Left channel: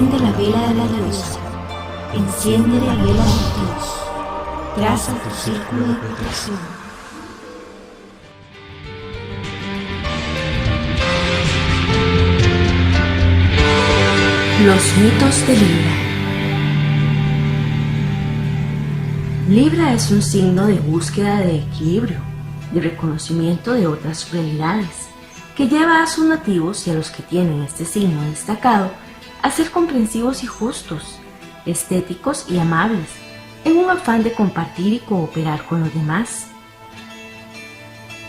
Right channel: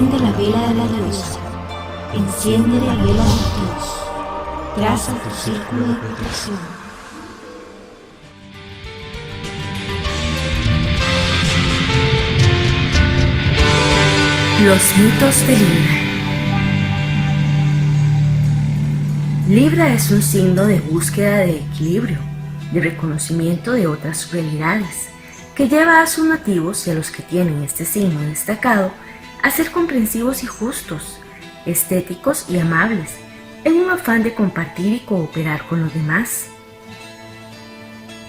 Enciende la vela de la diosa, enciende la vela del dios, traza tu círculo de protección. Los mitos de Libra. Libra es un signo de búsqueda de equilibrio, de reconocimiento de otras realidades, que lleva a sus nativos y a los que tienen este signo destacado a ser comprensivos y justos, estéticos y amables, en un afán de compartir y cooperar con los demás.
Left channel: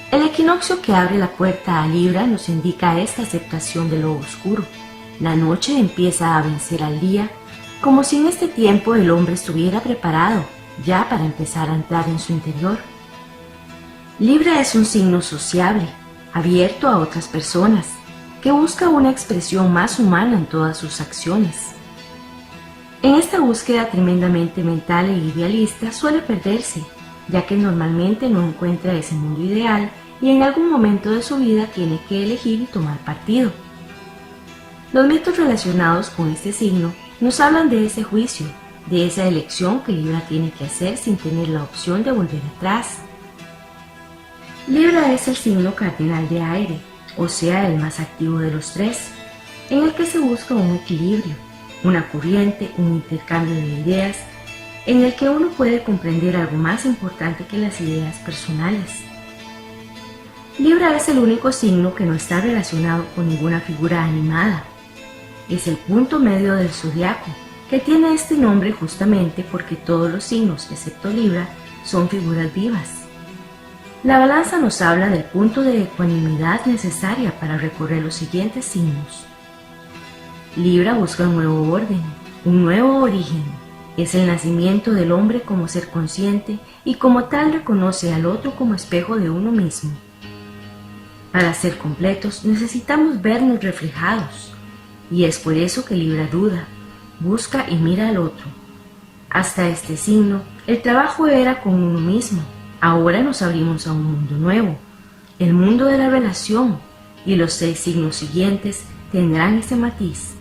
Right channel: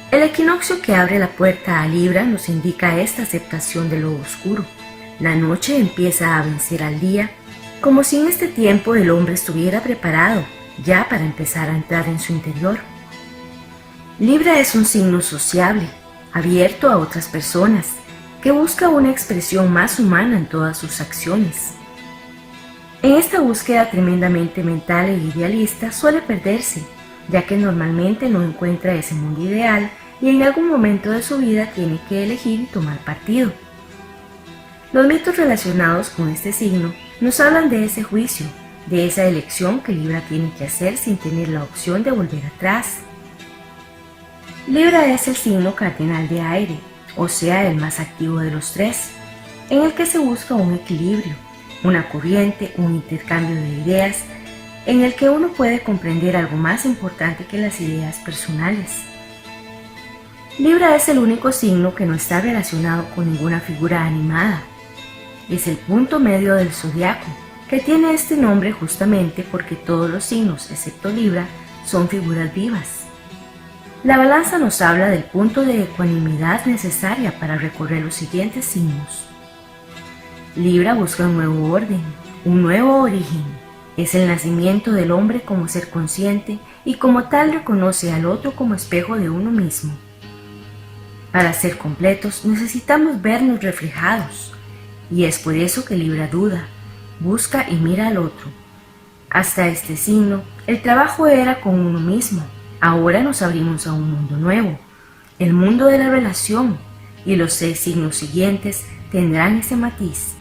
El equinoccio que abre la puerta a Libra nos indica esta aceptación de lo oscuro. La noche empieza a vencer al día, como si en este tiempo el hombre estuviera preparado ya para empezar a entrar en su interior. Libra es un signo sociable, abierto a otras personas, que busca una expresión más humana en todas sus acciones. En esta búsqueda tremendamente mental e idealista suele perderse, ya que normalmente no encuentra ese mundo ideal y en algún momento de su vida tiene que elegir y tomar partido. Los mitos relacionados con este signo nos hablan de ese juicio, de esa elección que Libra tiene que hacer sin tener la opción de volver atrás. Libra es el signo cardinal de aire, o sea, el más activo de los tres, en el que se busca un equilibrio, una corriente, un intercambio de ideas, en el que uno puede comprender algo más importante que las ideas personales. Libra es el único signo que no está relacionado con ninguna figura animada. Es el punto medio del zodiaco, que tiene este nombre justamente porque todos los signos, excepto Libra, son figuras vivas. La balanza nos habla del punto de ecuanimidad necesaria para recorrer los siguientes signos. Libra busca un nuevo orden, un nuevo origen. Es el nacimiento del hombre como ser consciente y como tal reconoce al otro como espejo de uno mismo. Para ser completos necesitamos vernos reflejados, y es por eso que Libra duda, busca y mira al otro. Hasta este signo, el trabajo era con uno mismo. Ahora nos abrimos a un mundo nuevo, el mundo de la relación, y los 6 signos siguientes tendrán ese matiz.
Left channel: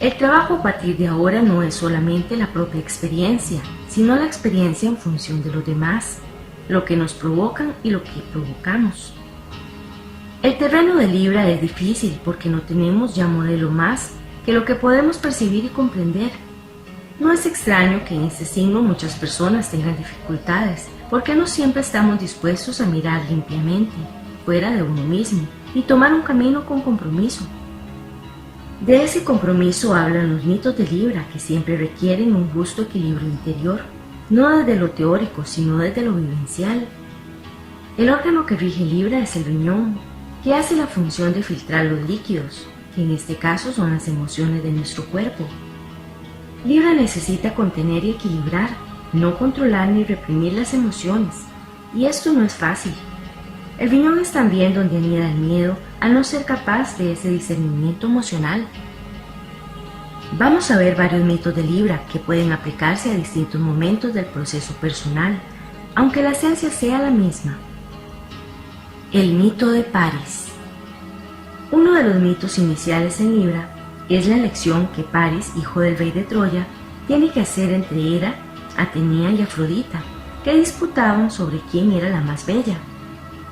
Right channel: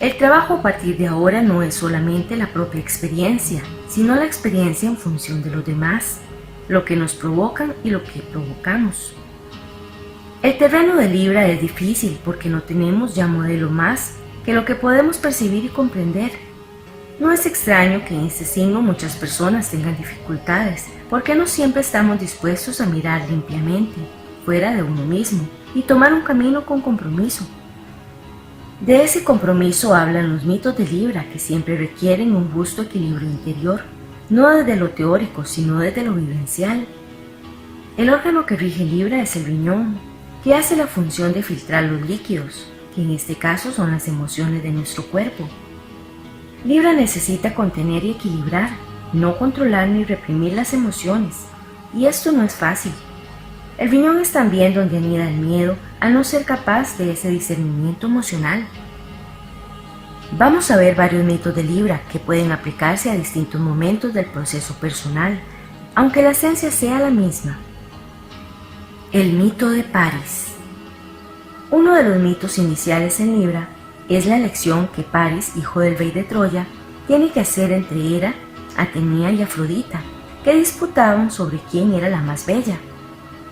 El trabajo a partir de ahora no es solamente la propia experiencia, sino la experiencia en función de los demás, lo que nos provocan y lo que provocamos. El terreno de Libra es difícil porque no tenemos ya modelo más que lo que podemos percibir y comprender. No es extraño que en este signo muchas personas tengan dificultades, porque no siempre estamos dispuestos a mirar limpiamente, fuera de uno mismo, y tomar un camino con compromiso. De ese compromiso hablan los mitos de Libra, que siempre requieren un justo equilibrio interior, no desde lo teórico, sino desde lo vivencial. El órgano que rige Libra es el riñón, que hace la función de filtrar los líquidos, que en este caso son las emociones de nuestro cuerpo. Libra necesita contener y equilibrar, no controlar ni reprimir las emociones, y esto no es fácil. El riñón es también donde anida el miedo al no ser capaz de ese discernimiento emocional. Vamos a ver varios mitos de Libra que pueden aplicarse a distintos momentos del proceso personal, aunque la esencia sea la misma. El mito de Paris. Uno de los mitos iniciales en Libra es la elección que Paris, hijo del rey de Troya, tiene que hacer entre Hera, Atenea y Afrodita, que disputaban sobre quién era la más bella.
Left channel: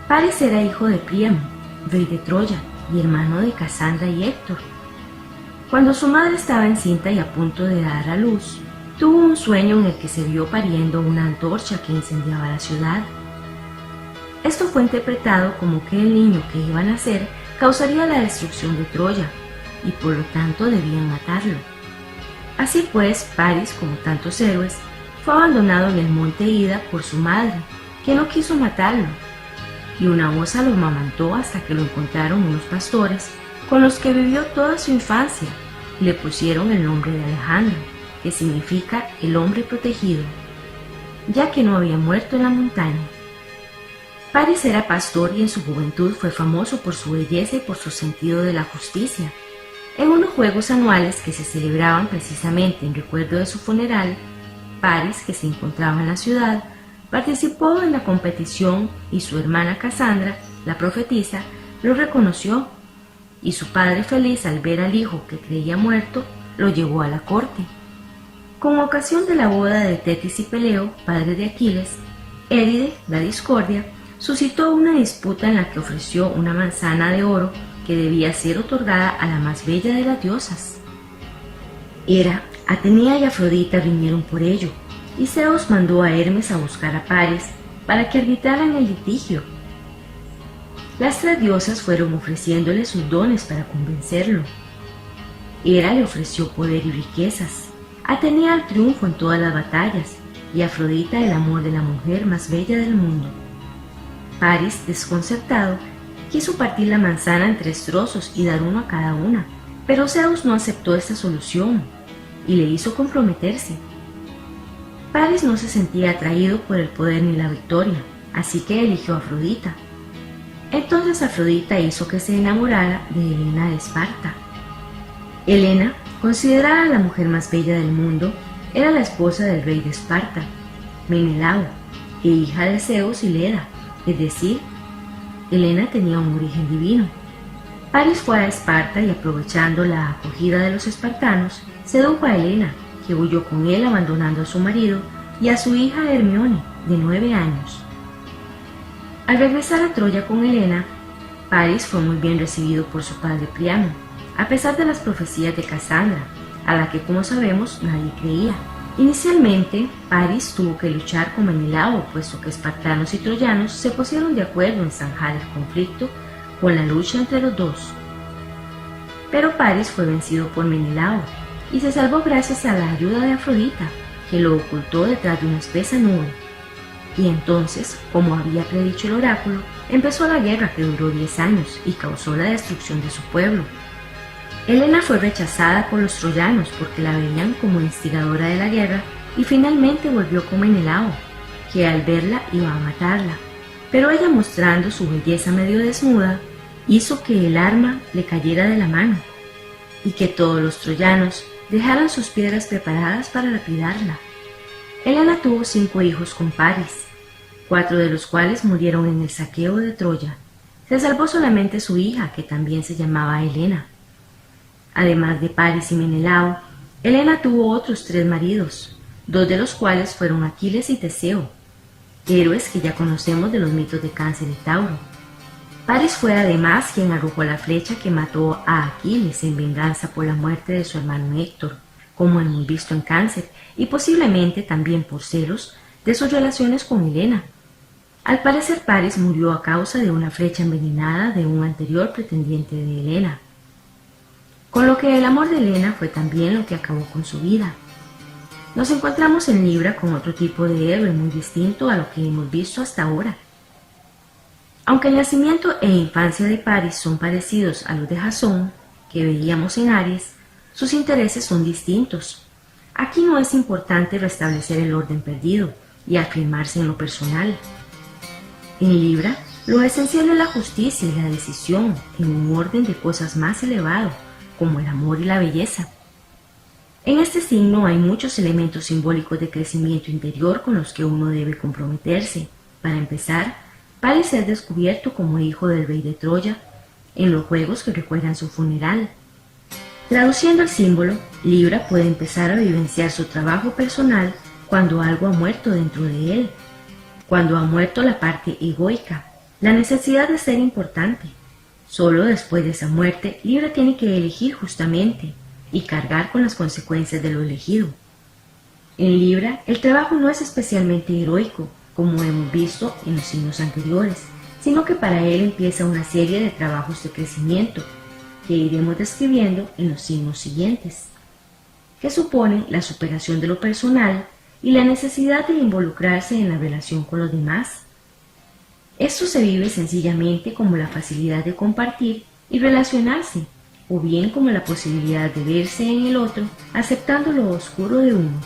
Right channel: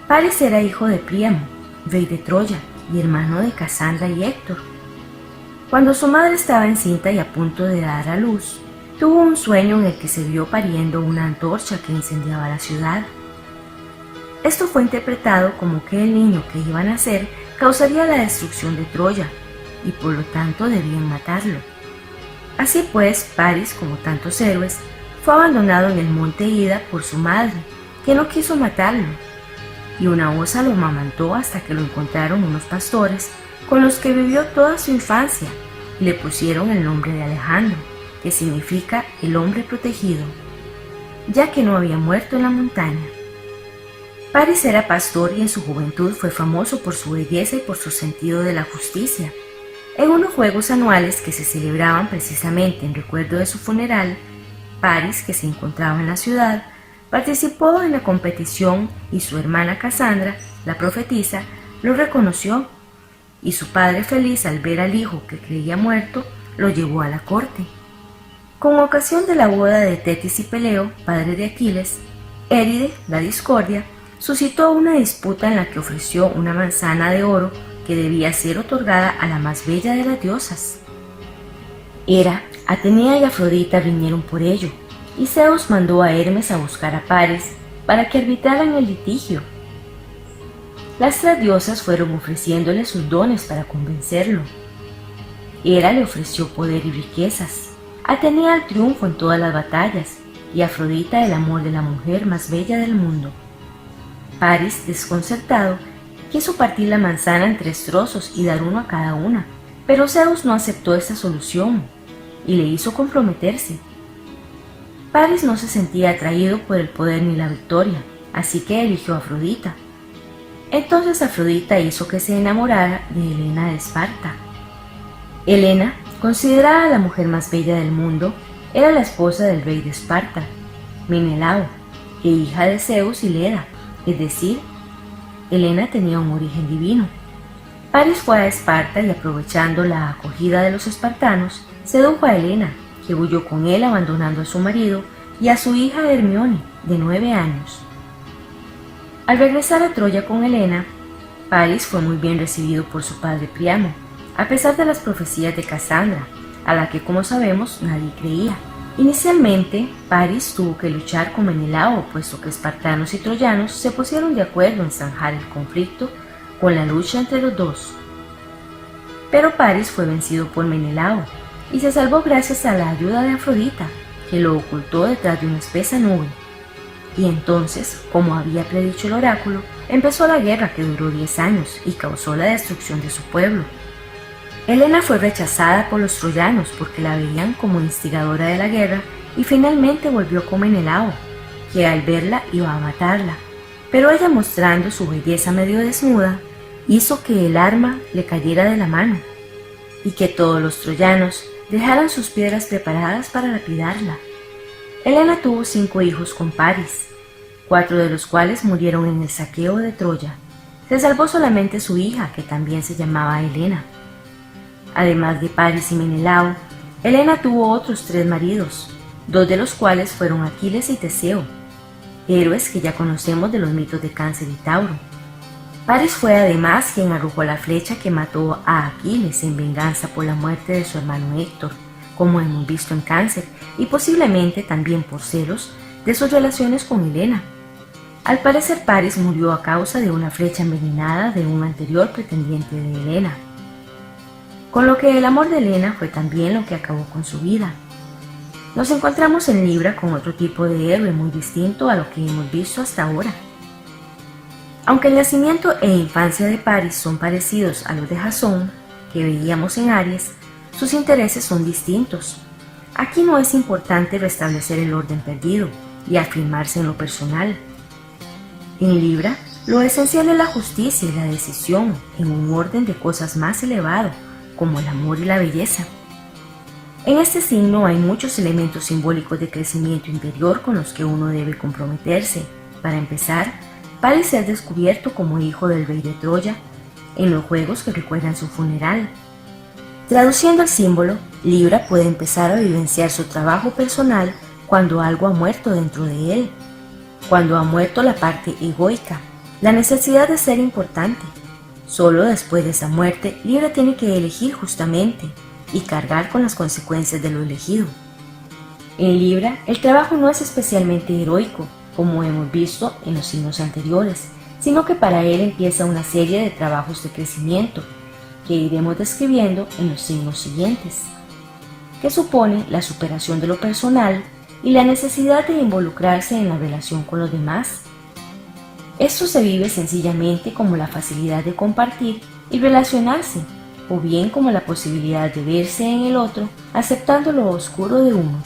Paris era hijo de Príamo, rey de Troya, y hermano de Casandra y Héctor. Cuando su madre estaba encinta y a punto de dar a luz, tuvo un sueño en el que se vio pariendo una antorcha que incendiaba la ciudad. Esto fue interpretado como que el niño que iba a nacer causaría la destrucción de Troya, y por lo tanto debían matarlo. Así pues, Paris, como tantos héroes, fue abandonado en el monte Ida por su madre, que no quiso matarlo, y una osa lo amamantó hasta que lo encontraron unos pastores con los que vivió toda su infancia, y le pusieron el nombre de Alejandro, que significa el hombre protegido, ya que no había muerto en la montaña. Paris era pastor y en su juventud fue famoso por su belleza y por su sentido de la justicia. En unos juegos anuales que se celebraban precisamente en recuerdo de su funeral, Paris, que se encontraba en la ciudad, participó en la competición y su hermana Casandra, la profetisa, lo reconoció, y su padre feliz al ver al hijo que creía muerto, lo llevó a la corte. Con ocasión de la boda de Tetis y Peleo, padre de Aquiles, Éride, la discordia, suscitó una disputa en la que ofreció una manzana de oro que debía ser otorgada a la más bella de las diosas. Hera, Atenea y Afrodita vinieron por ello, y Zeus mandó a Hermes a buscar a Paris para que arbitraran el litigio. Las tres diosas fueron ofreciéndole sus dones para convencerlo. Hera le ofreció poder y riquezas, Atenea el triunfo en todas las batallas y Afrodita el amor de la mujer más bella del mundo. Paris, desconcertado, quiso partir la manzana en 3 trozos y dar uno a cada una, pero Zeus no aceptó esta solución y le hizo comprometerse. Paris no se sentía atraído por el poder ni la victoria, así que eligió a Afrodita. Entonces Afrodita hizo que se enamorara de Helena de Esparta. Helena, considerada la mujer más bella del mundo, era la esposa del rey de Esparta, Menelao, e hija de Zeus y Leda, es decir, Helena tenía un origen divino. Paris fue a Esparta y, aprovechando la acogida de los espartanos, sedujo a Helena, que huyó con él abandonando a su marido y a su hija Hermione, de 9 años. Al regresar a Troya con Helena, Paris fue muy bien recibido por su padre Priamo, a pesar de las profecías de Casandra, a la que, como sabemos, nadie creía. Inicialmente, Paris tuvo que luchar con Menelao, puesto que espartanos y troyanos se pusieron de acuerdo en zanjar el conflicto con la lucha entre los dos. Pero Paris fue vencido por Menelao y se salvó gracias a la ayuda de Afrodita, que lo ocultó detrás de una espesa nube. Y entonces, como había predicho el oráculo, empezó la guerra que duró 10 años y causó la destrucción de su pueblo. Helena fue rechazada por los troyanos porque la veían como instigadora de la guerra y finalmente volvió con Menelao, que al verla iba a matarla, pero ella, mostrando su belleza medio desnuda, hizo que el arma le cayera de la mano y que todos los troyanos dejaran sus piedras preparadas para lapidarla. Helena tuvo 5 hijos con Paris, 4 de los cuales murieron en el saqueo de Troya. Se salvó solamente su hija, que también se llamaba Helena. Además de Paris y Menelao, Helena tuvo otros 3 maridos, 2 de los cuales fueron Aquiles y Teseo, héroes que ya conocemos de los mitos de Cáncer y Tauro. Paris fue además quien arrojó la flecha que mató a Aquiles en venganza por la muerte de su hermano Héctor, como hemos visto en Cáncer, y posiblemente también por celos de sus relaciones con Helena. Al parecer, Paris murió a causa de una flecha envenenada de un anterior pretendiente de Helena, con lo que el amor de Helena fue también lo que acabó con su vida. Nos encontramos en Libra con otro tipo de héroe muy distinto a lo que hemos visto hasta ahora. Aunque el nacimiento e infancia de Paris son parecidos a los de Jasón, que veíamos en Aries, sus intereses son distintos. Aquí no es importante restablecer el orden perdido y afirmarse en lo personal. En Libra, lo esencial es la justicia y la decisión en un orden de cosas más elevado, como el amor y la belleza. En este signo hay muchos elementos simbólicos de crecimiento interior con los que uno debe comprometerse. Para empezar, Paris es descubierto como hijo del rey de Troya en los juegos que recuerdan su funeral. Traduciendo el símbolo, Libra puede empezar a vivenciar su trabajo personal cuando algo ha muerto dentro de él, cuando ha muerto la parte egoica, la necesidad de ser importante. Solo después de esa muerte, Libra tiene que elegir justamente y cargar con las consecuencias de lo elegido. En Libra, el trabajo no es especialmente heroico, como hemos visto en los signos anteriores, sino que para él empieza una serie de trabajos de crecimiento, que iremos describiendo en los signos siguientes, que supone la superación de lo personal y la necesidad de involucrarse en la relación con los demás. Esto se vive sencillamente como la facilidad de compartir y relacionarse, o bien como la posibilidad de verse en el otro aceptando lo oscuro de uno.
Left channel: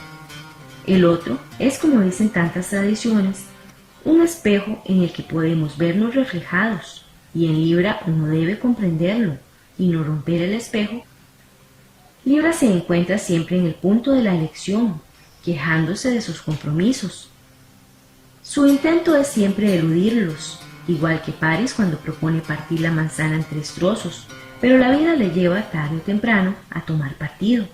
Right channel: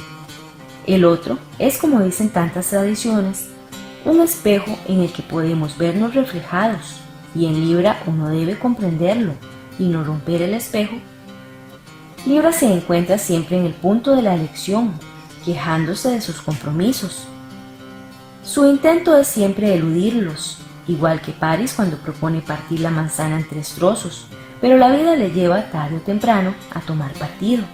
El otro es, como dicen tantas tradiciones, un espejo en el que podemos vernos reflejados, y en Libra uno debe comprenderlo y no romper el espejo. Libra se encuentra siempre en el punto de la elección, quejándose de sus compromisos. Su intento es siempre eludirlos, igual que Paris cuando propone partir la manzana en 3 trozos, pero la vida le lleva tarde o temprano a tomar partido.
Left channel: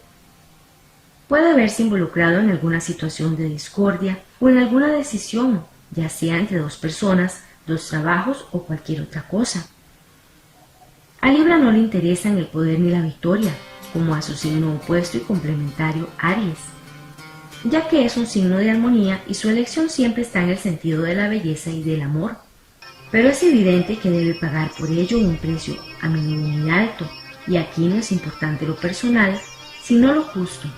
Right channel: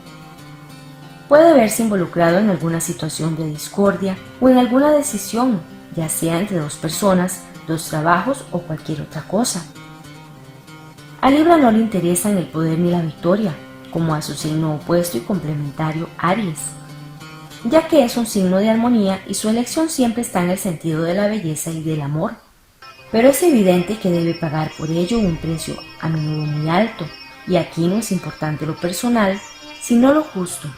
Puede verse involucrado en alguna situación de discordia o en alguna decisión, ya sea entre dos personas, dos trabajos o cualquier otra cosa. A Libra no le interesan el poder ni la victoria, como a su signo opuesto y complementario Aries, ya que es un signo de armonía y su elección siempre está en el sentido de la belleza y del amor. Pero es evidente que debe pagar por ello un precio a menudo muy alto, y aquí no es importante lo personal, sino lo justo.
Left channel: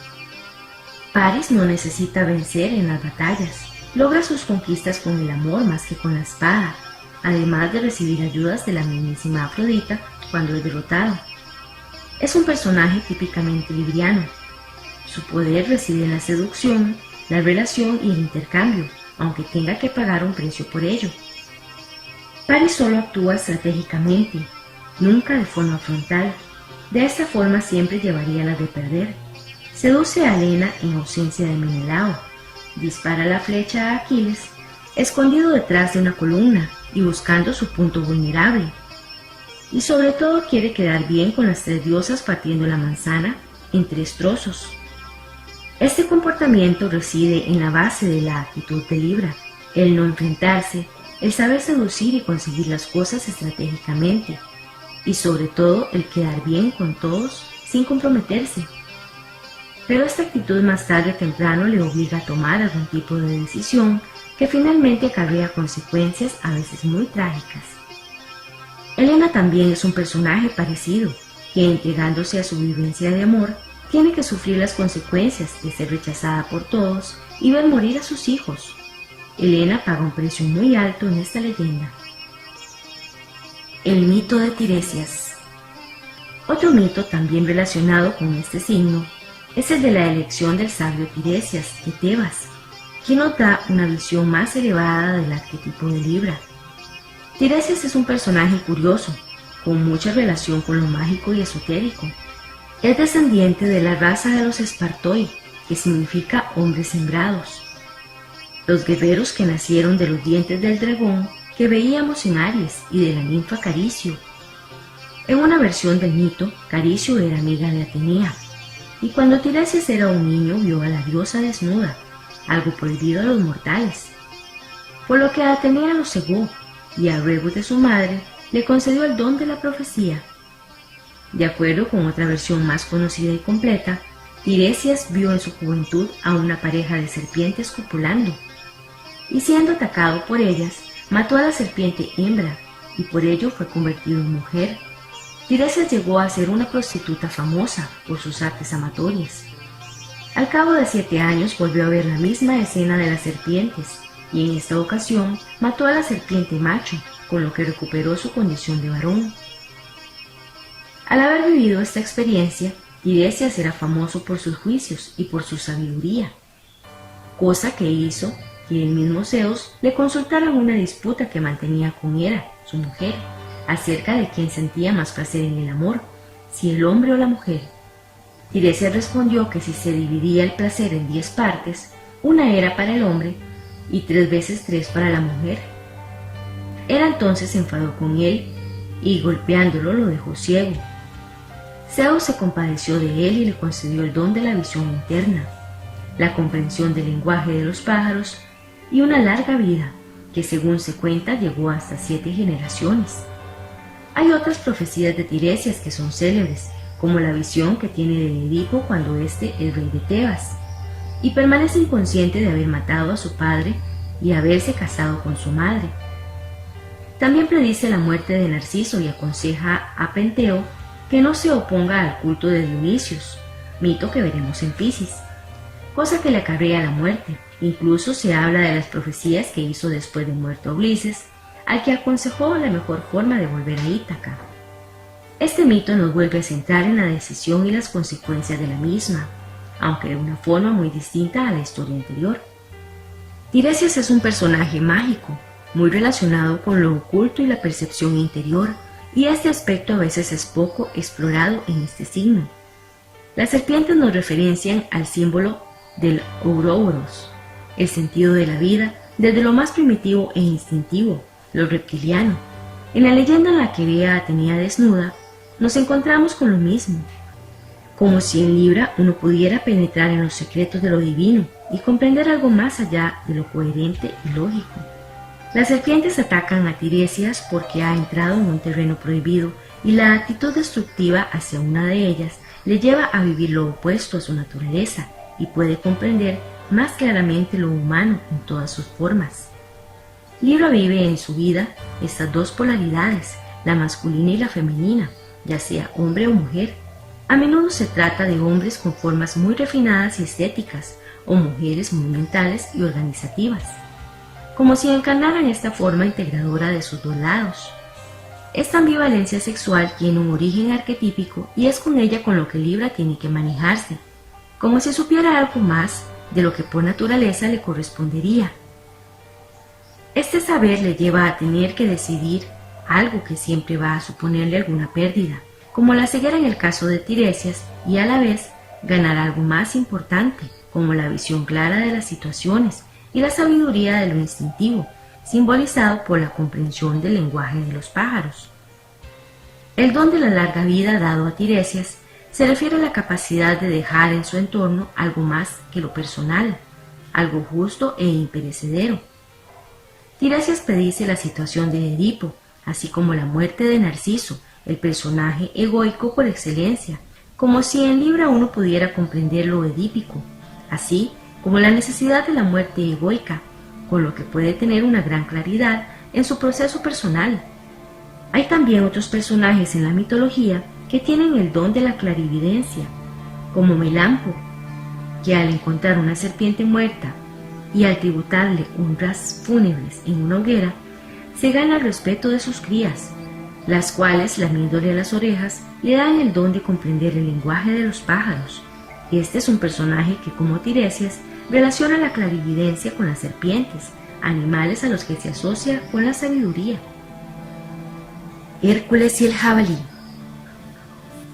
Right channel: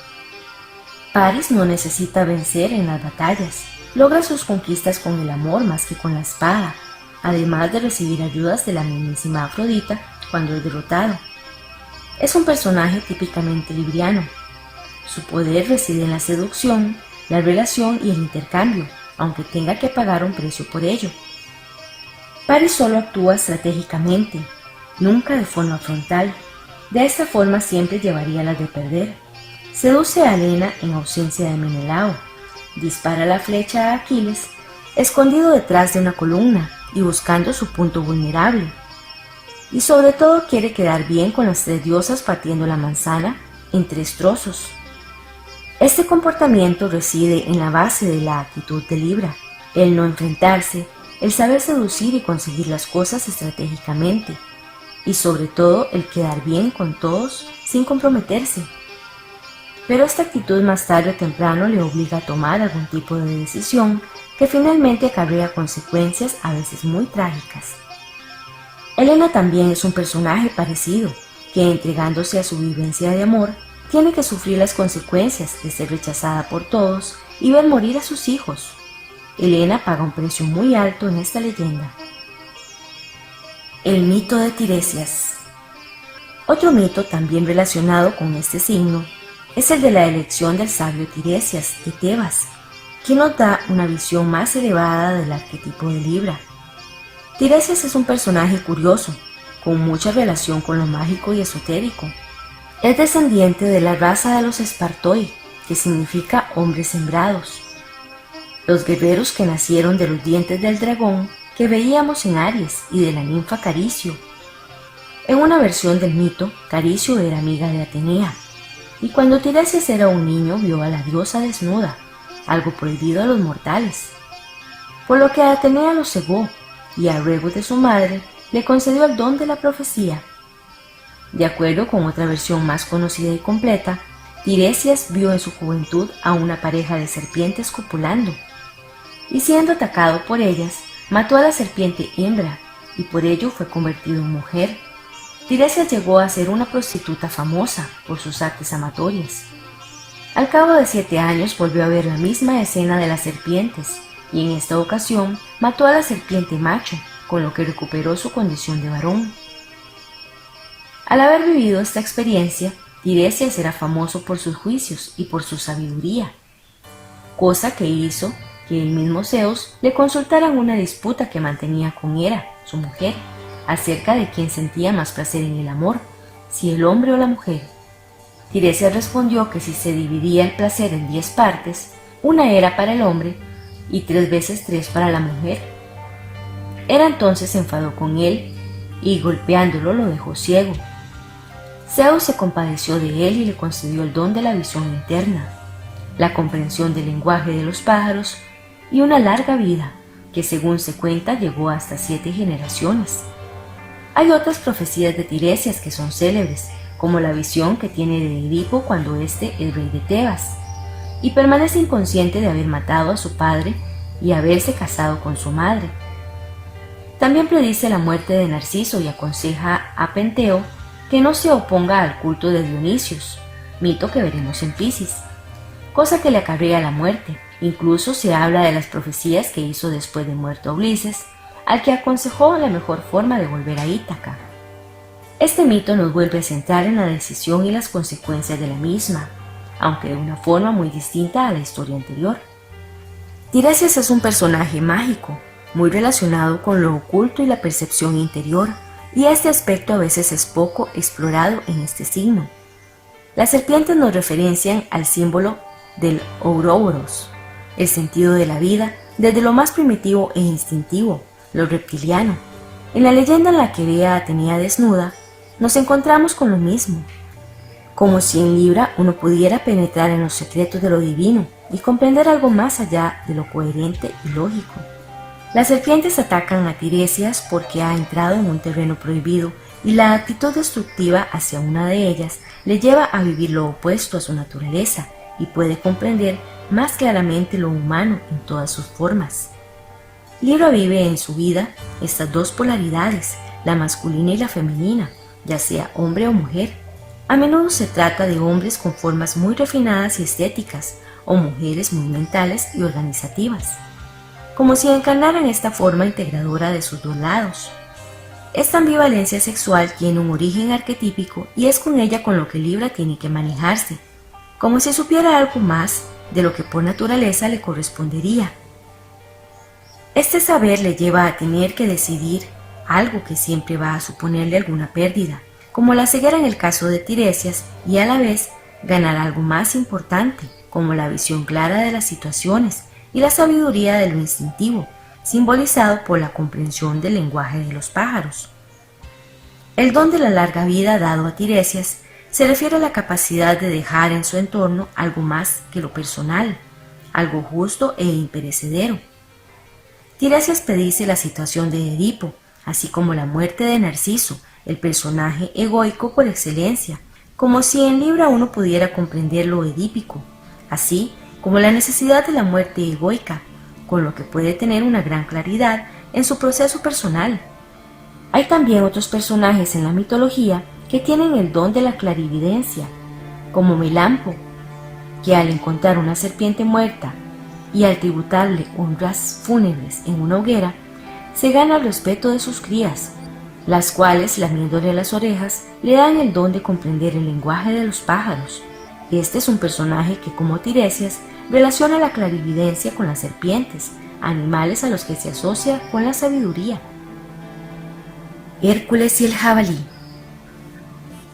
Paris no necesita vencer en las batallas, logra sus conquistas con el amor más que con la espada, además de recibir ayudas de la mismísima Afrodita cuando es derrotado. Es un personaje típicamente libriano. Su poder reside en la seducción, la relación y el intercambio, aunque tenga que pagar un precio por ello. Paris solo actúa estratégicamente, nunca de forma frontal. De esta forma siempre llevaría las de perder. Seduce a Helena en ausencia de Menelao, dispara la flecha a Aquiles, escondido detrás de una columna y buscando su punto vulnerable. Y sobre todo quiere quedar bien con las tres diosas partiendo la manzana en 3 trozos. Este comportamiento reside en la base de la actitud de Libra, el no enfrentarse, el saber seducir y conseguir las cosas estratégicamente, y sobre todo el quedar bien con todos sin comprometerse. Pero esta actitud más tarde o temprano le obliga a tomar algún tipo de decisión que finalmente acarrea consecuencias a veces muy trágicas. Helena también es un personaje parecido, que entregándose a su vivencia de amor, tiene que sufrir las consecuencias de ser rechazada por todos y ver morir a sus hijos. Helena paga un precio muy alto en esta leyenda. El mito de Tiresias. Otro mito también relacionado con este signo es el de la elección del sabio Tiresias de Tebas, quien nos da una visión más elevada del arquetipo de Libra. Tiresias es un personaje curioso, con mucha relación con lo mágico y esotérico. Es descendiente de la raza de los Espartoi, que significa hombres sembrados, los guerreros que nacieron de los dientes del dragón que veíamos en Aries y de la ninfa Caricio. En una versión del mito, Caricio era amiga de Atenea, y cuando Tiresias era un niño vio a la diosa desnuda, algo prohibido a los mortales, por lo que Atenea lo cegó y a ruegos de su madre le concedió el don de la profecía. De acuerdo con otra versión más conocida y completa, Tiresias vio en su juventud a una pareja de serpientes copulando, y siendo atacado por ellas, mató a la serpiente hembra, y por ello fue convertido en mujer. Tiresias llegó a ser una prostituta famosa por sus artes amatorias. Al cabo de 7 años volvió a ver la misma escena de las serpientes, y en esta ocasión mató a la serpiente macho, con lo que recuperó su condición de varón. Al haber vivido esta experiencia, Tiresias era famoso por sus juicios y por su sabiduría, cosa que hizo que el mismo Zeus le consultara en una disputa que mantenía con Hera, su mujer, acerca de quién sentía más placer en el amor, si el hombre o la mujer. Tiresias respondió que si se dividía el placer en 10 partes, una era para el hombre y 3 veces 3 para la mujer. Hera entonces se enfadó con él y golpeándolo lo dejó ciego. Zeus se compadeció de él y le concedió el don de la visión interna, la comprensión del lenguaje de los pájaros y una larga vida que, según se cuenta, llegó hasta 7 generaciones. Hay otras profecías de Tiresias que son célebres, como la visión que tiene de Edipo cuando éste es rey de Tebas, y permanece inconsciente de haber matado a su padre y haberse casado con su madre. También predice la muerte de Narciso y aconseja a Penteo que no se oponga al culto de Dionisios, mito que veremos en Piscis, cosa que le acarrea la muerte. Incluso se habla de las profecías que hizo después de muerto Ulises, al que aconsejó la mejor forma de volver a Ítaca. Este mito nos vuelve a centrar en la decisión y las consecuencias de la misma, aunque de una forma muy distinta a la historia anterior. Tiresias es un personaje mágico, muy relacionado con lo oculto y la percepción interior, y este aspecto a veces es poco explorado en este signo. Las serpientes nos referencian al símbolo del Ouroboros, el sentido de la vida desde lo más primitivo e instintivo, lo reptiliano. En la leyenda en la que ve a Atenea desnuda, nos encontramos con lo mismo. como si en Libra uno pudiera penetrar en los secretos de lo divino y comprender algo más allá de lo coherente y lógico. Las serpientes atacan a Tiresias porque ha entrado en un terreno prohibido y la actitud destructiva hacia una de ellas le lleva a vivir lo opuesto a su naturaleza y puede comprender más claramente lo humano en todas sus formas. Libra vive en su vida estas dos polaridades, la masculina y la femenina, ya sea hombre o mujer. A menudo se trata de hombres con formas muy refinadas y estéticas, o mujeres muy mentales y organizativas, como si encarnaran esta forma integradora de sus dos lados. Esta ambivalencia sexual tiene un origen arquetípico y es con ella con lo que Libra tiene que manejarse, como si supiera algo más de lo que por naturaleza le correspondería. Este saber le lleva a tener que decidir algo que siempre va a suponerle alguna pérdida, como la ceguera en el caso de Tiresias, y a la vez ganar algo más importante, como la visión clara de las situaciones y la sabiduría de lo instintivo, simbolizado por la comprensión del lenguaje de los pájaros. El don de la larga vida dado a Tiresias se refiere a la capacidad de dejar en su entorno algo más que lo personal, algo justo e imperecedero. Tiresias predice la situación de Edipo, así como la muerte de Narciso, el personaje egoico por excelencia, como si en Libra uno pudiera comprender lo edípico, así como la necesidad de la muerte egoica, con lo que puede tener una gran claridad en su proceso personal. Hay también otros personajes en la mitología que tienen el don de la clarividencia, como Melampo, que al encontrar una serpiente muerta y al tributarle honras fúnebres en una hoguera, se gana el respeto de sus crías, las cuales, lamiéndole las orejas, le dan el don de comprender el lenguaje de los pájaros. Este es un personaje que, como Tiresias, relaciona la clarividencia con las serpientes, animales a los que se asocia con la sabiduría. Hércules y el jabalí.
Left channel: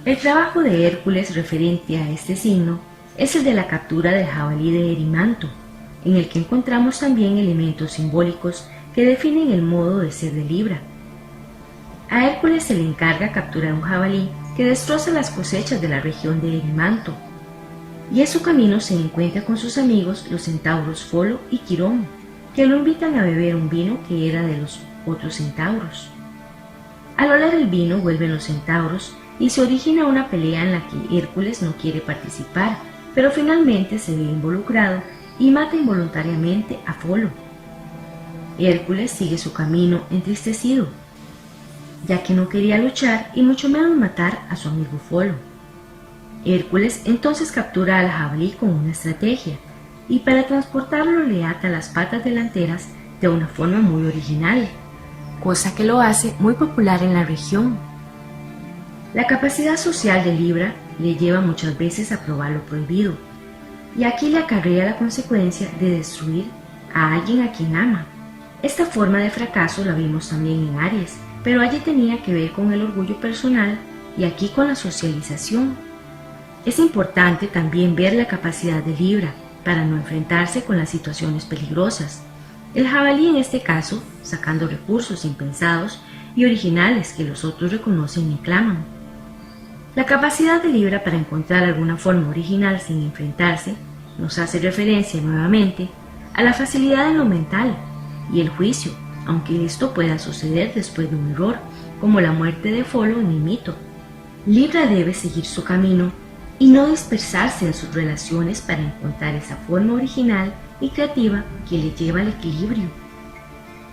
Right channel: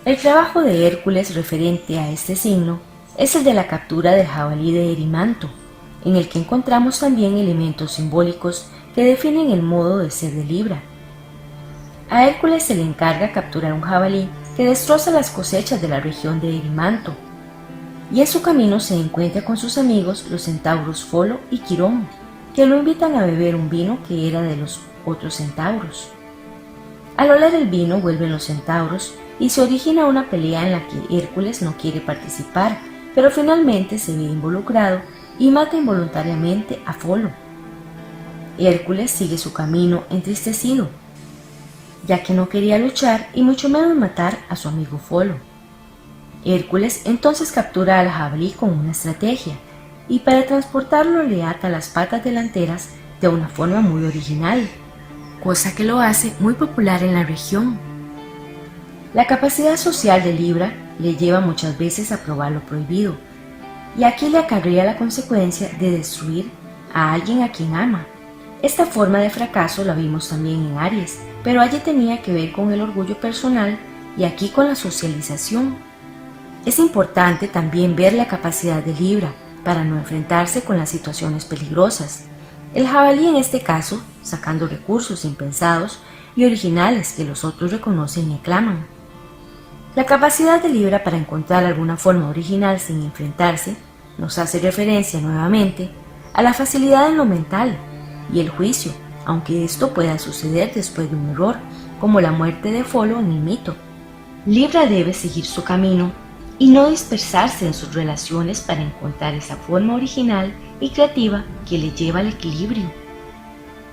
El trabajo de Hércules referente a este signo es el de la captura del jabalí de Erimanto, en el que encontramos también elementos simbólicos que definen el modo de ser de Libra. A Hércules se le encarga capturar un jabalí que destroza las cosechas de la región de Erimanto, y en su camino se encuentra con sus amigos los centauros Folo y Quirón, que lo invitan a beber un vino que era de los otros centauros. Al oler el vino vuelven los centauros y se origina una pelea en la que Hércules no quiere participar, pero finalmente se ve involucrado y mata involuntariamente a Folo. Hércules sigue su camino entristecido, ya que no quería luchar y mucho menos matar a su amigo Folo. Hércules entonces captura al jabalí con una estrategia y para transportarlo le ata las patas delanteras de una forma muy original, cosa que lo hace muy popular en la región. La capacidad social de Libra le lleva muchas veces a probar lo prohibido, y aquí le acarrea la consecuencia de destruir a alguien a quien ama. Esta forma de fracaso la vimos también en Aries, pero allí tenía que ver con el orgullo personal y aquí con la socialización. Es importante también ver la capacidad de Libra para no enfrentarse con las situaciones peligrosas. El jabalí en este caso, sacando recursos impensados y originales que los otros reconocen y aclaman. La capacidad de Libra para encontrar alguna forma original sin enfrentarse nos hace referencia nuevamente a la facilidad en lo mental y el juicio, aunque esto pueda suceder después de un error, como la muerte de Folo en el mito. Libra debe seguir su camino y no dispersarse en sus relaciones para encontrar esa forma original y creativa que le lleva al equilibrio.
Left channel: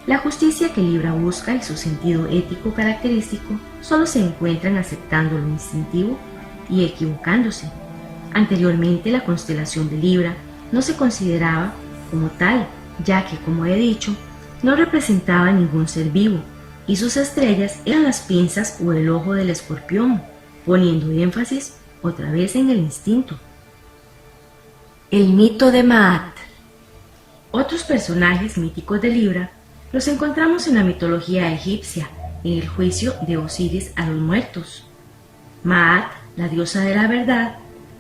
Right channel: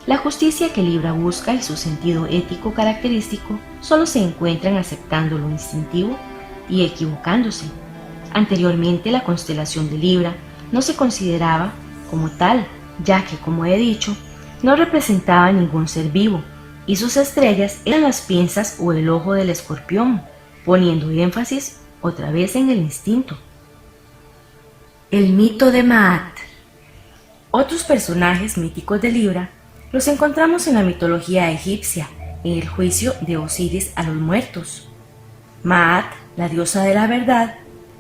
La justicia que Libra busca y su sentido ético característico solo se encuentran aceptando lo instintivo y equivocándose. Anteriormente la constelación de Libra no se consideraba como tal, ya que, como he dicho, no representaba ningún ser vivo y sus estrellas eran las pinzas o el ojo del escorpión, poniendo énfasis otra vez en el instinto. El mito de Maat. Otros personajes míticos de Libra los encontramos en la mitología egipcia, en el juicio de Osiris a los muertos. Maat, la diosa de la verdad,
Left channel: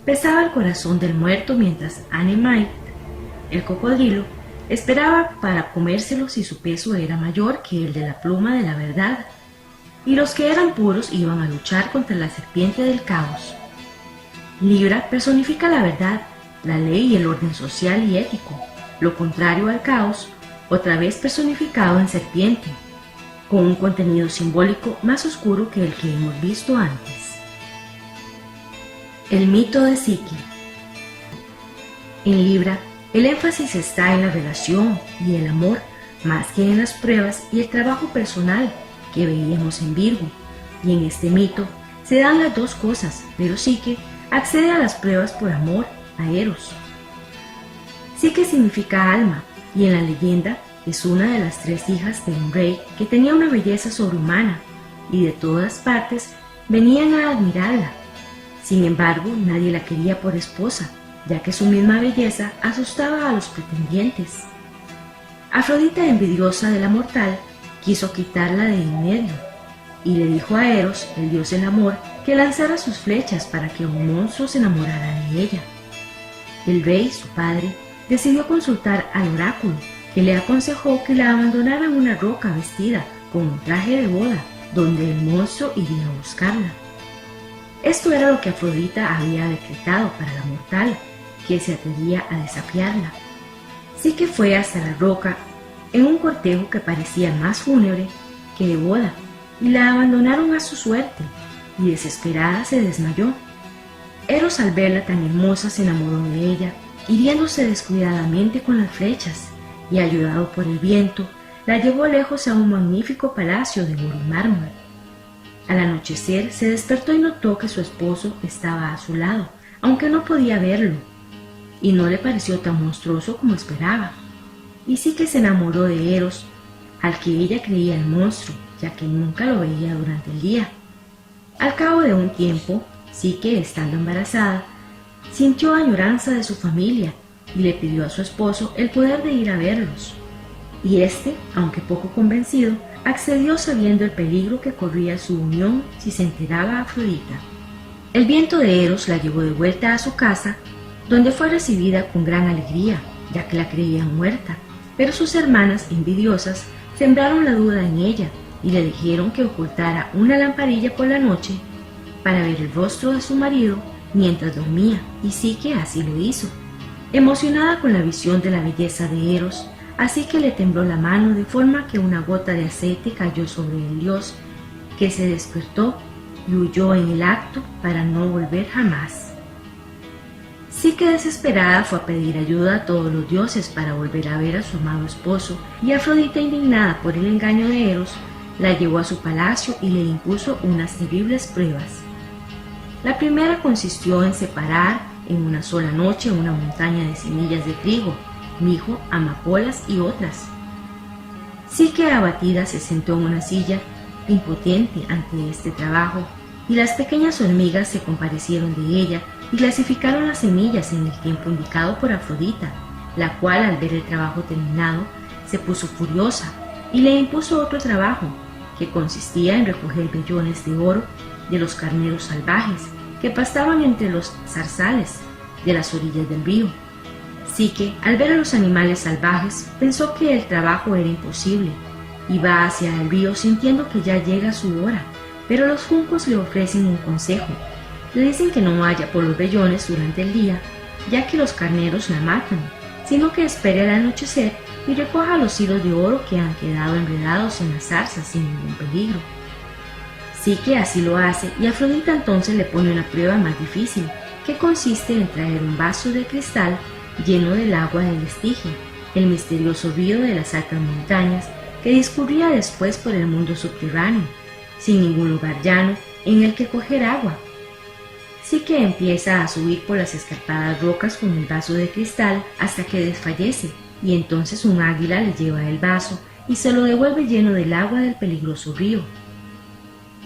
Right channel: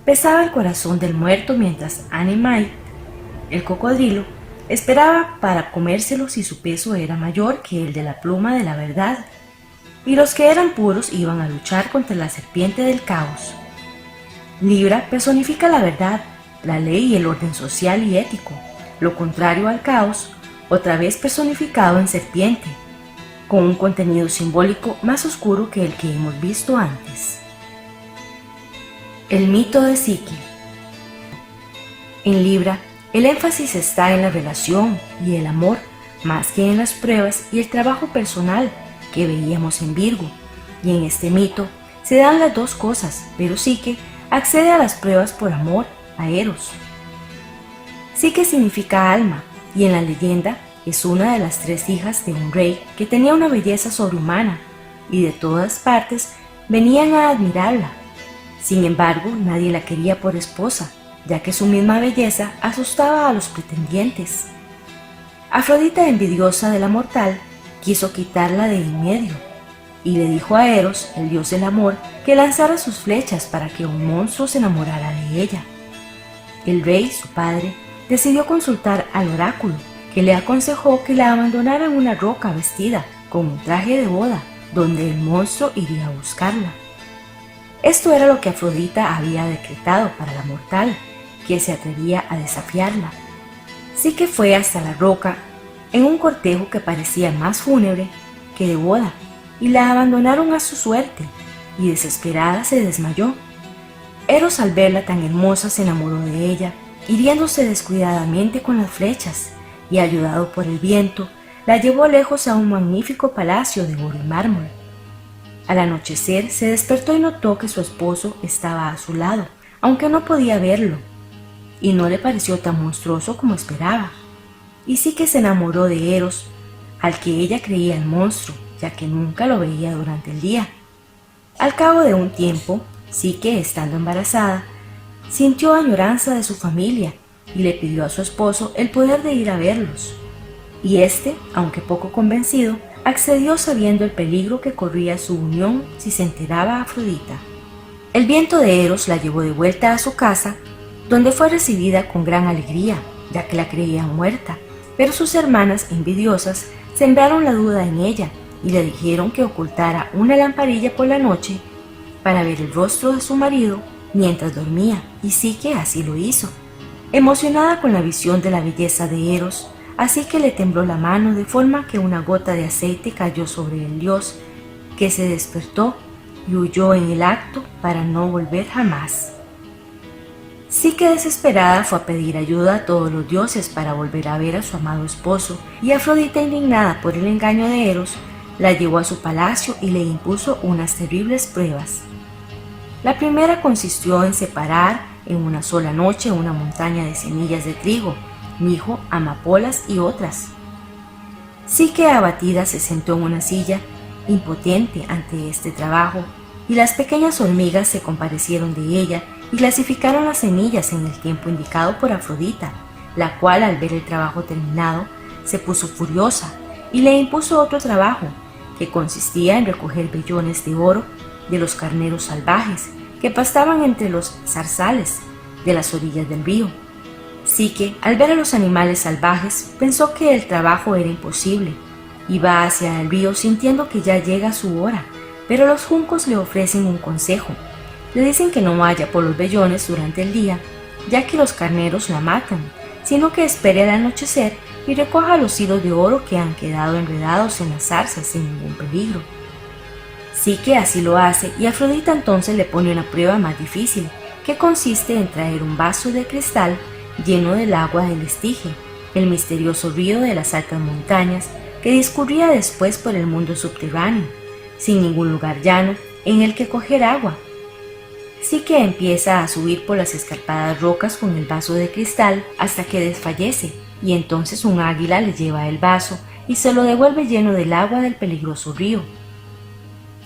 pesaba el corazón del muerto mientras Anemait, el cocodrilo, esperaba para comérselo si su peso era mayor que el de la pluma de la verdad, y los que eran puros iban a luchar contra la serpiente del caos. Libra personifica la verdad, la ley y el orden social y ético, lo contrario al caos, otra vez personificado en serpiente, con un contenido simbólico más oscuro que el que hemos visto antes. El mito de Psique. En Libra, el énfasis está en la relación y el amor, más que en las pruebas y el trabajo personal que veíamos en Virgo, y en este mito se dan las dos cosas, pero Psique accede a las pruebas por amor a Eros. Psique significa alma, y en la leyenda es una de las 3 hijas de un rey que tenía una belleza sobrehumana, y de todas partes venían a admirarla. Sin embargo, nadie la quería por esposa, ya que su misma belleza asustaba a los pretendientes. Afrodita, envidiosa de la mortal, quiso quitarla de en medio, y le dijo a Eros, el dios del amor, que lanzara sus flechas para que un monstruo se enamorara de ella. El rey, su padre, decidió consultar al oráculo, que le aconsejó que la abandonara en una roca vestida con un traje de boda, donde el monstruo iría a buscarla. Esto era lo que Afrodita había decretado para la mortal, que se atrevía a desafiarla. Psique fue hasta la roca en un cortejo que parecía más fúnebre que de boda, y la abandonaron a su suerte, y desesperada se desmayó. Eros, al verla tan hermosa, se enamoró de ella, hiriéndose descuidadamente con las flechas, y ayudado por el viento, la llevó lejos a un magnífico palacio de oro y mármol. Al anochecer se despertó y notó que su esposo estaba a su lado, aunque no podía verlo, y no le pareció tan monstruoso como esperaba. Y sí que se enamoró de Eros, al que ella creía el monstruo, ya que nunca lo veía durante el día. Al cabo de un tiempo, Psique, estando embarazada, sintió añoranza de su familia y le pidió a su esposo el poder de ir a verlos. Y éste, aunque poco convencido, accedió sabiendo el peligro que corría su unión si se enteraba Afrodita. El viento de Eros la llevó de vuelta a su casa, donde fue recibida con gran alegría, ya que la creían muerta, pero sus hermanas envidiosas sembraron la duda en ella y le dijeron que ocultara una lamparilla por la noche para ver el rostro de su marido mientras dormía, y Psique así lo hizo. Emocionada con la visión de la belleza de Eros, así que le tembló la mano de forma que una gota de aceite cayó sobre el dios, que se despertó y huyó en el acto para no volver jamás. Psique, desesperada, fue a pedir ayuda a todos los dioses para volver a ver a su amado esposo, y Afrodita, indignada por el engaño de Eros, la llevó a su palacio y le impuso unas terribles pruebas. La primera consistió en separar en una sola noche una montaña de semillas de trigo, mijo, amapolas y otras. Psique, abatida, se sentó en una silla, impotente ante este trabajo, y las pequeñas hormigas se compadecieron de ella y clasificaron las semillas en el tiempo indicado por Afrodita, la cual, al ver el trabajo terminado, se puso furiosa y le impuso otro trabajo, que consistía en recoger vellones de oro de los carneros salvajes que pastaban entre los zarzales de las orillas del río. Psique, al ver a los animales salvajes, pensó que el trabajo era imposible. Iba hacia el río sintiendo que ya llega su hora, pero los juncos le ofrecen un consejo. Le dicen que no vaya por los vellones durante el día, ya que los carneros la matan, sino que espere al anochecer y recoja los hilos de oro que han quedado enredados en las zarzas sin ningún peligro. Psique así lo hace, y Afrodita entonces le pone una prueba más difícil, que consiste en traer un vaso de cristal lleno del agua del Estige, el misterioso río de las altas montañas que discurría después por el mundo subterráneo, sin ningún lugar llano en el que coger agua. Psique empieza a subir por las escarpadas rocas con el vaso de cristal hasta que desfallece, y entonces un águila le lleva el vaso y se lo devuelve lleno del agua del peligroso río.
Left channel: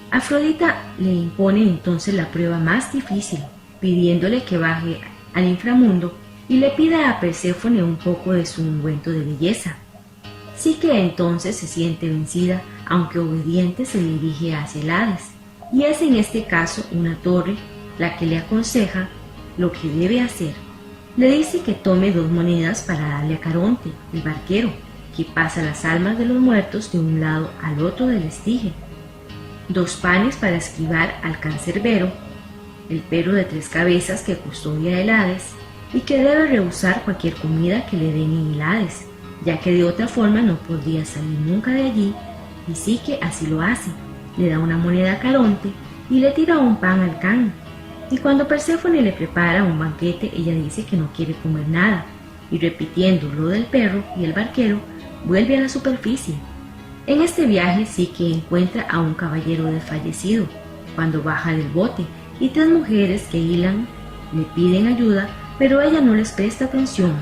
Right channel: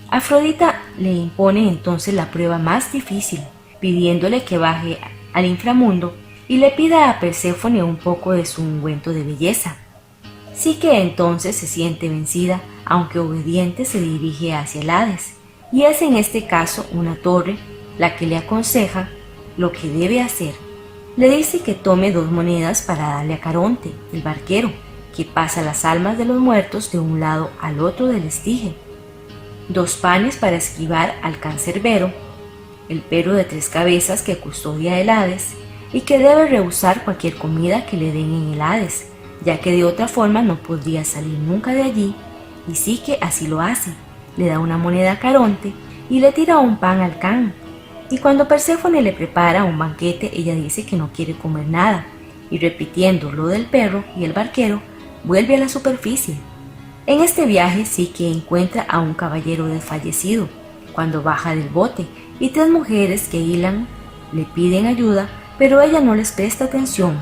Afrodita le impone entonces la prueba más difícil, pidiéndole que baje al inframundo y le pida a Perséfone un poco de su ungüento de belleza. Psique entonces se siente vencida, aunque obediente se dirige hacia el Hades, y es en este caso una torre la que le aconseja lo que debe hacer. Le dice que tome 2 monedas para darle a Caronte, el barquero, que pasa las almas de los muertos de un lado al otro del Estige, 2 panes para esquivar al cancerbero, el perro de 3 cabezas que custodia el Hades y que debe rehusar cualquier comida que le den en el Hades, ya que de otra forma no podría salir nunca de allí, y Psique así lo hace. Le da una moneda a Caronte y le tira un pan al can. Y cuando Perséfone le prepara un banquete, ella dice que no quiere comer nada, y repitiendo lo del perro y el barquero, vuelve a la superficie. En este viaje Psique encuentra a un caballero desfallecido, cuando baja del bote, y 3 mujeres que hilan le piden ayuda, pero ella no les presta atención.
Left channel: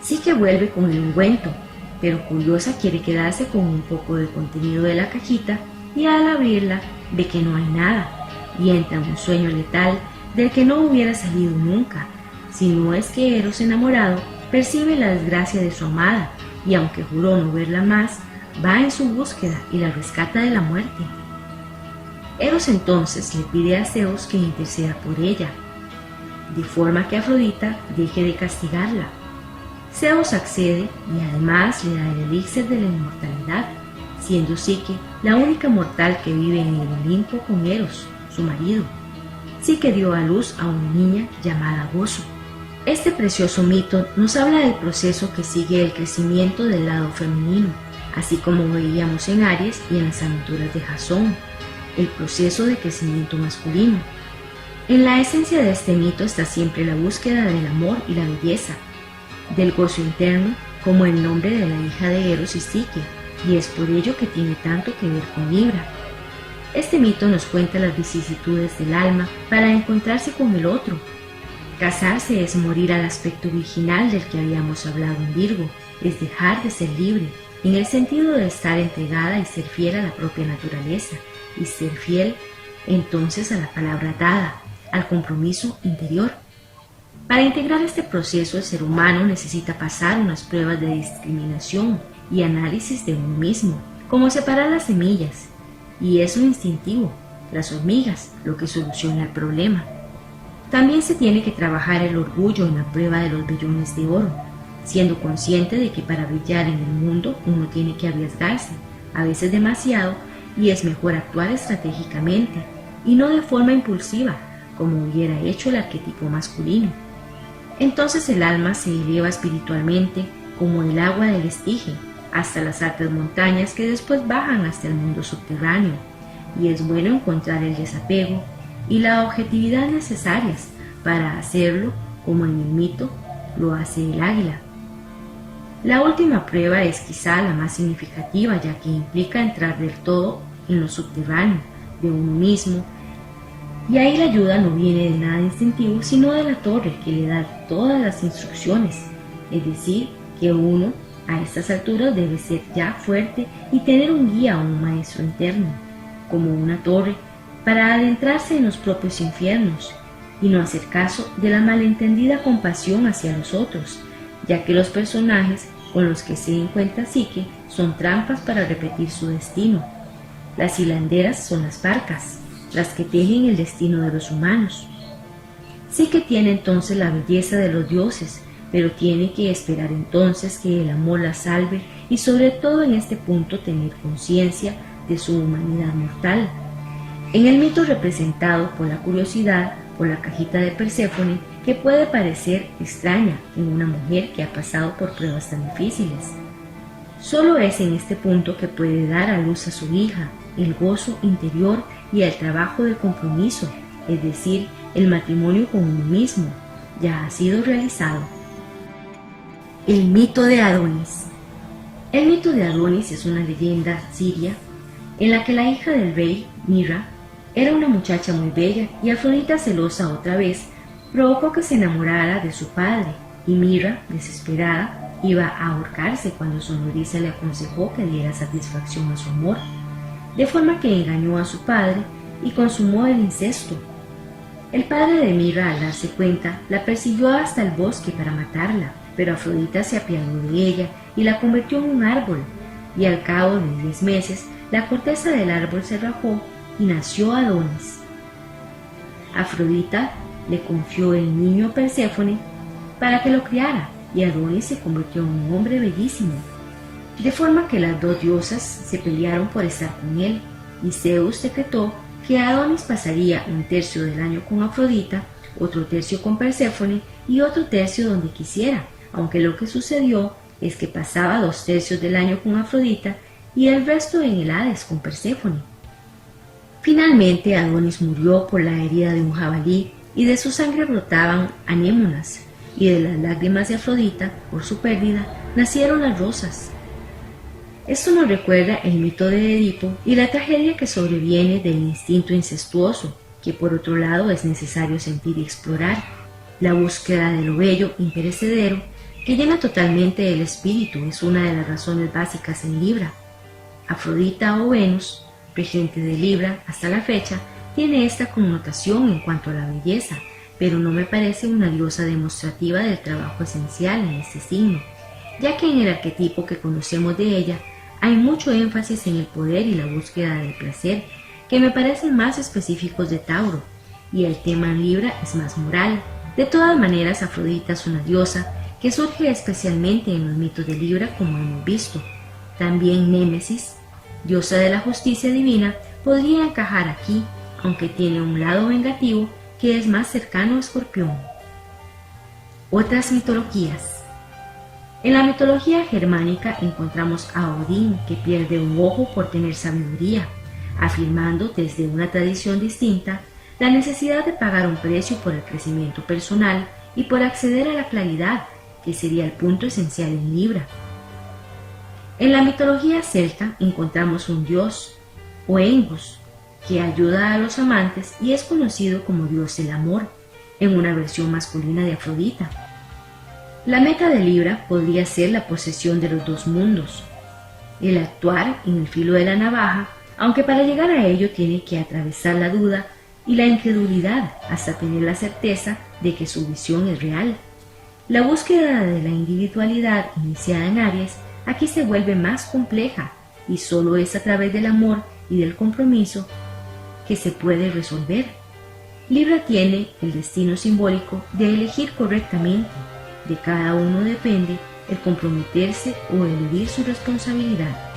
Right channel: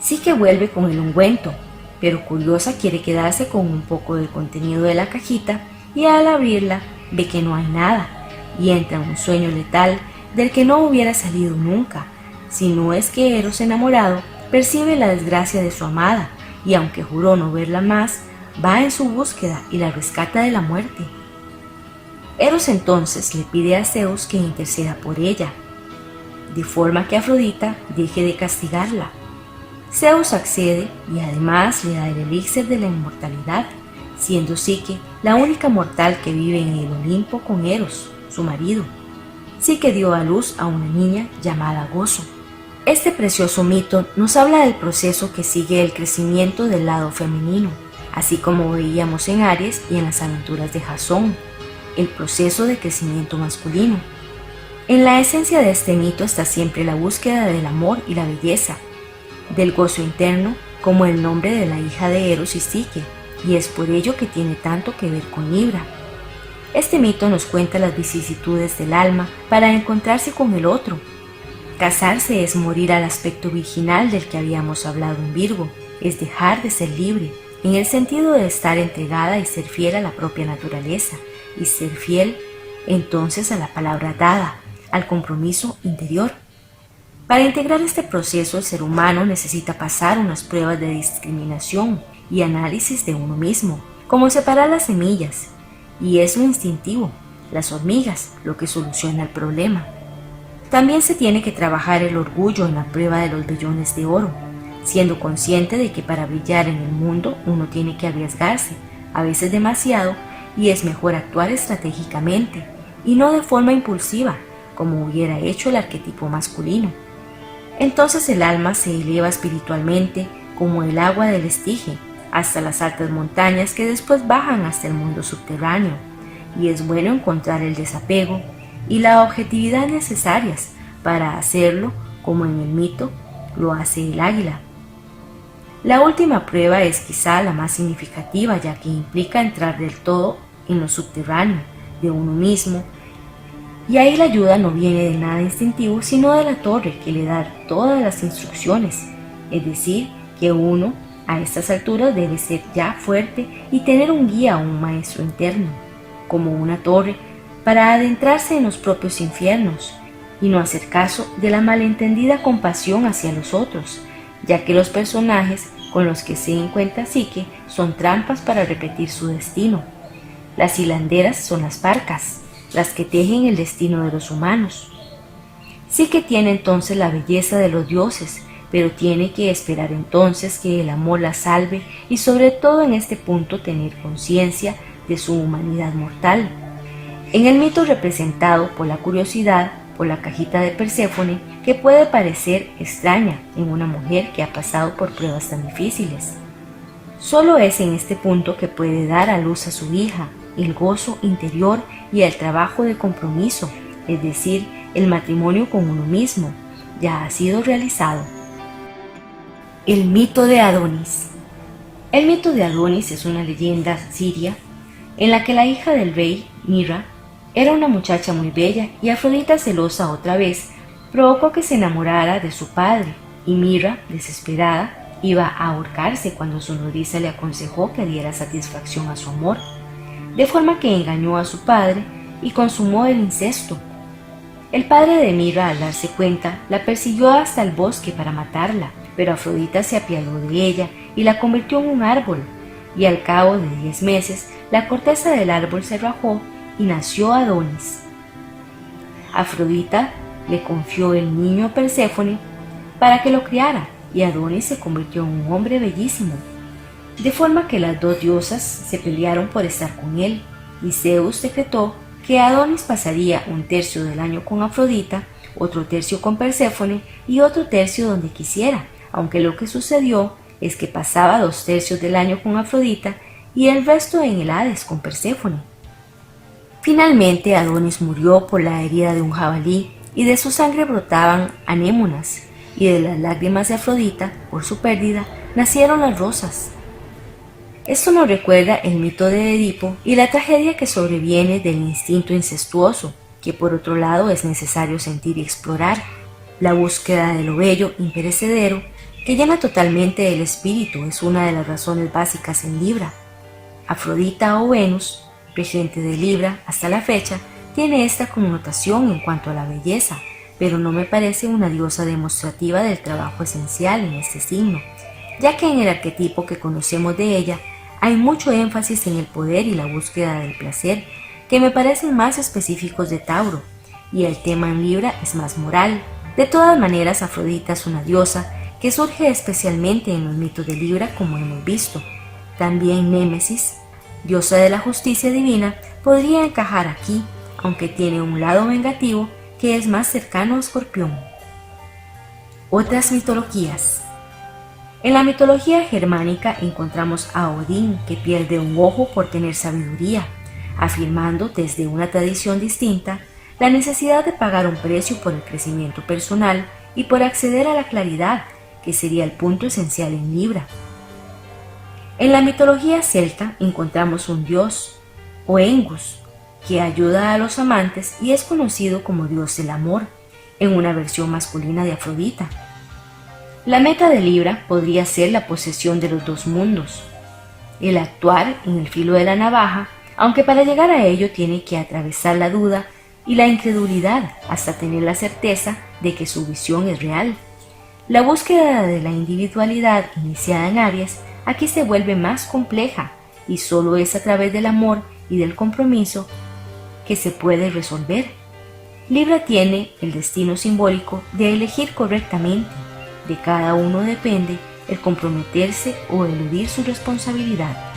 Psique vuelve con el ungüento, pero curiosa quiere quedarse con un poco del contenido de la cajita, y al abrirla ve que no hay nada, y entra en un sueño letal del que no hubiera salido nunca, si no es que Eros, enamorado, percibe la desgracia de su amada, y aunque juró no verla más, va en su búsqueda y la rescata de la muerte. Eros entonces le pide a Zeus que interceda por ella, de forma que Afrodita deje de castigarla. Zeus accede y además le da el elixir de la inmortalidad, siendo Psique la única mortal que vive en el Olimpo con Eros, su marido. Psique dio a luz a una niña llamada Gozo. Este precioso mito nos habla del proceso que sigue el crecimiento del lado femenino, así como veíamos en Aries y en las aventuras de Jasón, el proceso de crecimiento masculino. En la esencia de este mito está siempre la búsqueda del amor y la belleza, del gozo interno, como el nombre de la hija de Eros y Psique, y es por ello que tiene tanto que ver con Libra. Este mito nos cuenta las vicisitudes del alma para encontrarse con el otro. Casarse es morir al aspecto virginal del que habíamos hablado en Virgo, es dejar de ser libre, en el sentido de estar entregada y ser fiel a la propia naturaleza, y ser fiel entonces a la palabra dada, al compromiso interior. Para integrar este proceso, el ser humano necesita pasar unas pruebas de discriminación y análisis de uno mismo, como separar las semillas, y es lo instintivo, las hormigas, lo que soluciona el problema. También se tiene que trabajar el orgullo en la prueba de los vellones de oro, siendo consciente de que para brillar en el mundo uno tiene que arriesgarse, a veces demasiado, y es mejor actuar estratégicamente y no de forma impulsiva, como hubiera hecho el arquetipo masculino. Entonces el alma se eleva espiritualmente como el agua del Estige, hasta las altas montañas que después bajan hasta el mundo subterráneo, y es bueno encontrar el desapego y la objetividad necesarias para hacerlo, como en el mito lo hace el águila. La última prueba es quizá la más significativa, ya que implica entrar del todo en lo subterráneo de uno mismo, y ahí la ayuda no viene de nada instintivo, sino de la torre que le da todas las instrucciones, es decir, que uno a estas alturas debe ser ya fuerte y tener un guía o un maestro interno, como una torre, para adentrarse en los propios infiernos y no hacer caso de la malentendida compasión hacia los otros, ya que los personajes con los que se encuentra Psique son trampas para repetir su destino. Las hilanderas son las parcas, las que tejen el destino de los humanos. Psique tiene entonces la belleza de los dioses, pero tiene que esperar entonces que el amor la salve y sobre todo en este punto tener conciencia de su humanidad mortal. En el mito representado por la curiosidad, por la cajita de Perséfone, que puede parecer extraña en una mujer que ha pasado por pruebas tan difíciles. Solo es en este punto que puede dar a luz a su hija, el gozo interior y el trabajo de compromiso, es decir, el matrimonio con uno mismo, ya ha sido realizado. El mito de Adonis. El mito de Adonis es una leyenda siria en la que la hija del rey, Mira, era una muchacha muy bella y Afrodita, celosa otra vez, provocó que se enamorara de su padre, y Mira, desesperada, iba a ahorcarse cuando su nodriza le aconsejó que diera satisfacción a su amor, de forma que engañó a su padre y consumó el incesto. El padre de Mira, al darse cuenta, la persiguió hasta el bosque para matarla, pero Afrodita se apiadó de ella y la convirtió en un árbol, y al cabo de 10 meses la corteza del árbol se rajó y nació Adonis. Afrodita le confió el niño a Perséfone para que lo criara, y Adonis se convirtió en un hombre bellísimo, de forma que las dos diosas se pelearon por estar con él, y Zeus decretó que Adonis pasaría un tercio del año con Afrodita, otro tercio con Perséfone y otro tercio donde quisiera, aunque lo que sucedió es que pasaba 2/3 del año con Afrodita y el resto en el Hades con Perséfone. Finalmente Adonis murió por la herida de un jabalí y de su sangre brotaban anémonas, y de las lágrimas de Afrodita por su pérdida nacieron las rosas. Esto nos recuerda el mito de Edipo y la tragedia que sobreviene del instinto incestuoso, que por otro lado es necesario sentir y explorar, la búsqueda de lo bello imperecedero que llena totalmente el espíritu es una de las razones básicas en Libra. Afrodita o Venus, regente de Libra hasta la fecha, tiene esta connotación en cuanto a la belleza, pero no me parece una diosa demostrativa del trabajo esencial en este signo, ya que en el arquetipo que conocemos de ella hay mucho énfasis en el poder y la búsqueda del placer, que me parecen más específicos de Tauro, y el tema en Libra es más moral. De todas maneras, Afrodita es una diosa que surge especialmente en los mitos de Libra, como hemos visto. También Némesis, diosa de la justicia divina, podría encajar aquí, aunque tiene un lado vengativo que es más cercano a Escorpión. Otras mitologías. En la mitología germánica encontramos a Odín, que pierde un ojo por tener sabiduría, afirmando desde una tradición distinta la necesidad de pagar un precio por el crecimiento personal y por acceder a la claridad, que sería el punto esencial en Libra. En la mitología celta encontramos un dios, Oengus, que ayuda a los amantes y es conocido como dios del amor, en una versión masculina de Afrodita. La meta de Libra podría ser la posesión de los dos mundos, el actuar en el filo de la navaja, aunque para llegar a ello tiene que atravesar la duda y la incredulidad hasta tener la certeza de que su visión es real. La búsqueda de la individualidad iniciada en Aries aquí se vuelve más compleja y solo es a través del amor y del compromiso que se puede resolver. Libra tiene el destino simbólico de elegir correctamente. De cada uno depende el comprometerse o eludir su responsabilidad.